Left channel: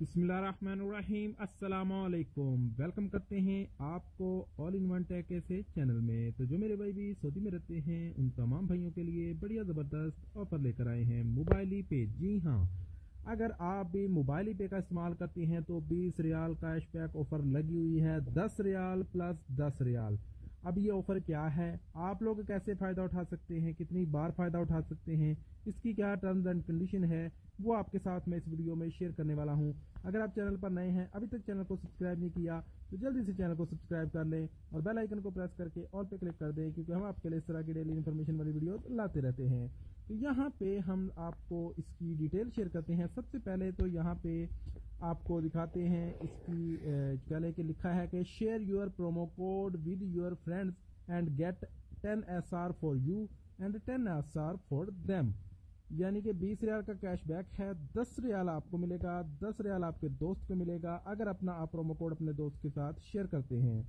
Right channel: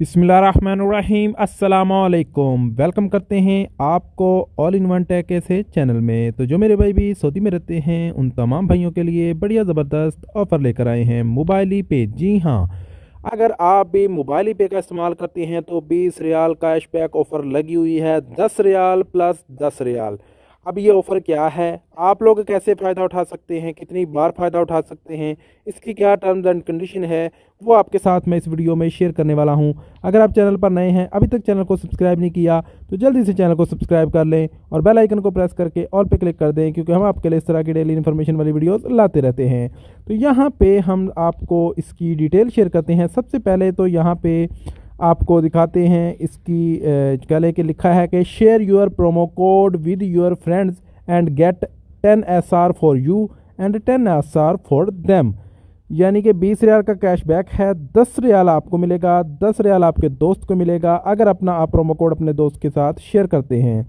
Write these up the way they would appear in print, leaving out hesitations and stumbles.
बिस्मिल्लाहिर्रहमानिर्रहीम अस्सलामुअलैकुम। वेलकम करते हैं आपको ऑल इन वन टेक ऐसे चैनल में। तो जो मेरे भाई भी सऊदी में रहते हैं उन तमाम भाइयों के लिए बढ़िया ज़बरदस्त ऑफ़र लेकर आए हैं मोबाइली पे। जी हाँ, अगर आप भी मोबाइली पे का इस्तेमाल करते हैं तो 20 रियाल कैशबैक ऑफ़र लगी हुई है, 10 रियाल प्लस 10 रियाल। अब ये ऑफ़र क्या है, आप लोग कैसे फ़ायदा उठा सकते हैं, कितनी बार फ़ायदा उठा सकते हैं, इसकी क्या टर्म्स एंड कंडीशन है, वो आपके साथ मैं इस वीडियो में शेयर करने वाला हूं। अगर आप चैनल पर नए हैं, अभी तक चैनल को सब्सक्राइब नहीं किया तो जल्दी से चैनल को सब्सक्राइब कर लें और बेल आइकन को प्रेस करके ऑल पे क्लिक कर दें, क्योंकि हम आपके लिए इस तरह की डेली इन्फॉर्मेशन वाली वीडियोस लाते रहते हैं। तो यहाँ पे हम आपको इसकी डिटेल शेयर करते हैं। सबसे पहले तो यहाँ पे आपको दिखाते हैं इसकी गले के लिखा है कि share your promo code with your friends and get 10 SR for you and 10 SR for them. यानी कि 20 रियाल का कैशबैक है, 10 रियाल आपको मिलेगा, 10 रियाल आपके दोस्त को मिलेगा अगर अपना आप प्रोमो कोड अपने दोस्त के साथ शेयर करते हैं।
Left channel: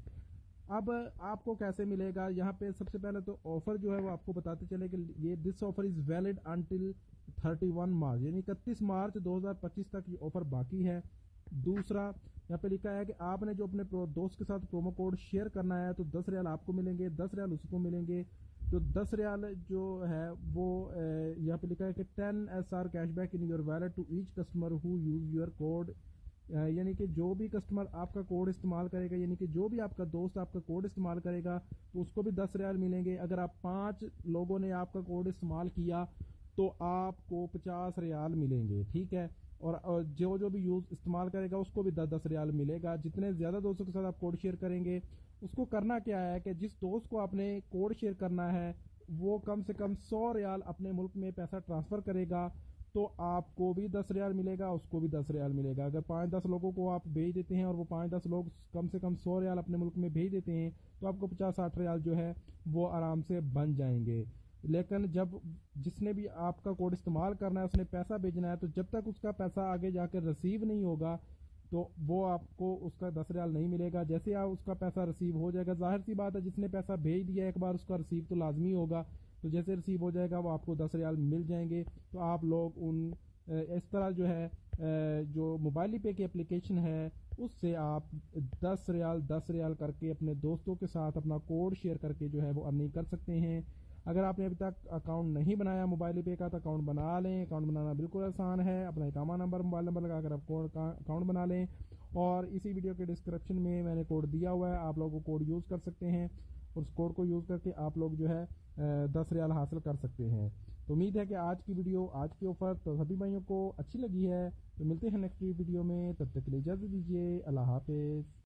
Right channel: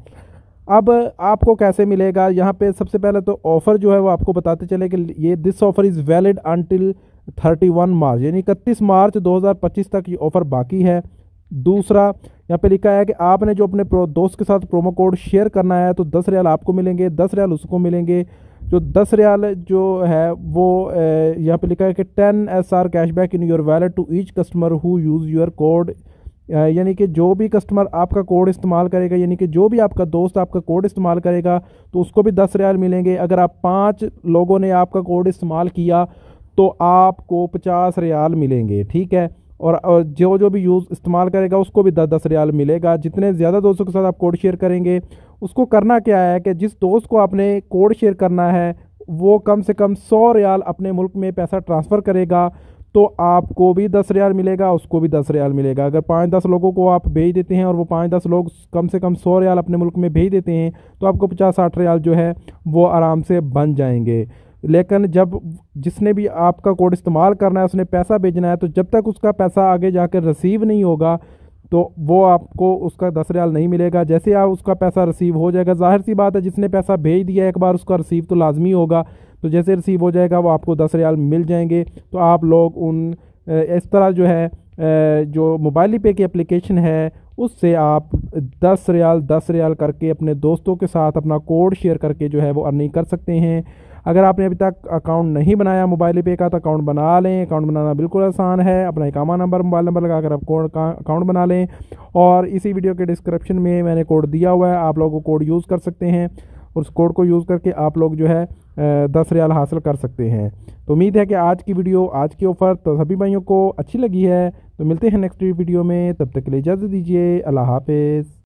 अब आपको कैसे मिलेगा, यहाँ पे सबसे पहले तो ऑफ़र जो है वो आपको बताते चले कि ये this offer is valid until 31 मार्च, यानी 31 मार्च 2025 तक ये ऑफ़र बाकी है। दूसरा, यहाँ पे लिखा है कि आपने जो अपने दोस्त के साथ प्रोमो कोड शेयर करना है तो 10 रियाल आपको मिलेंगे, 10 रियाल उसको मिलेंगे। जो 10 रियाल जो है वो यहाँ पे लिखा है कि 10 SR cashback in your wallet to each customer who use your code. यानी कि जो भी कस्टमर आपका कोड इस्तेमाल करेगा, यानी कि जो भी आपका दोस्त आपका कोड इस्तेमाल करेगा तो उसको भी 10 रियाल मिलेंगे। अगर आप 5 लोगों ने आपका कोड इस्तेमाल किया तो आपको 50 रियाल मिलेंगे, ठीक है। और जो जो भी यूज़ इस्तेमाल करेगा उसको भी 10-10 रियाल मिलेगा। जितने ज़्यादा दोस्तों के साथ आप कोड शेयर करेंगे, उसको करना क्या है कि जिस दोस्त को आपने कोड शेयर करना है वो कम से कम 100 रियाल अपने मुल्क में पैसा ट्रांसफ़र करेगा तो आपको भी 10 रियाल मिलेगा, उसको भी 10 रियाल मिलेगा। अगर 5-10 लोगों को आप भेज देते हैं और वो 5-10 लोग कम से कम 100 रियाल अपने मुल्क में भेज देते हैं तो आपको 50-60 रियाल जो है वो आराम से बन जाएंगे। लेकिन जब जिसने भी आपका कोड इस्तेमाल करना है उसने पैसा भेजना है, तो जब तक उसका पैसा आगे जाकर रिसीव नहीं होगा तो वो आपको उसका 10 रियाल नहीं मिलेगा। जैसे आप उसका पैसा रिसीव हो जाएगा, जाहिर सी बात है जिसने पैसा भेज दिया एक बार उसका रिसीव तो लाजमी होगा, तो जैसे रिसीव हो जाएगा वो आपको 10 रियाल मिल जाएंगे। तो आप लोग उन इस तरह जो है जो मोबाइल पे की एप्लीकेशन है उससे आप 10 रियाल करके अपने दोस्तों के साथ अपना कोड शेयर करके जो है वो अर्निंग कर सकते हैं। अगर आपने अभी तक अकाउंट नहीं बनाया मोबाइल पे का तो अकाउंट बना लें। अकाउंट बनाना बिल्कुल आसान है, अपना इकामा नंबर मोबाइल नंबर लगाकर आप कोड का अकाउंट बना लें और इसी वीडियो के डिस्क्रिप्शन में मैंने कोड दिया हुआ है, आप लोग वो कोड यूज़ कर सकते हैं और उस कोड को यूज़ करके आप लोग जो है 10 रियाल हासिल कर सकते हैं। तो उम्मीद है कि आज की वीडियो, आज की ऑफ़र तो सभी भाइयों को अच्छी लगी है। तो मिलते हैं नेक्स्ट वीडियो में, तब तक के लिए इजाज़त दीजिए। अल्लाह हाफिज़।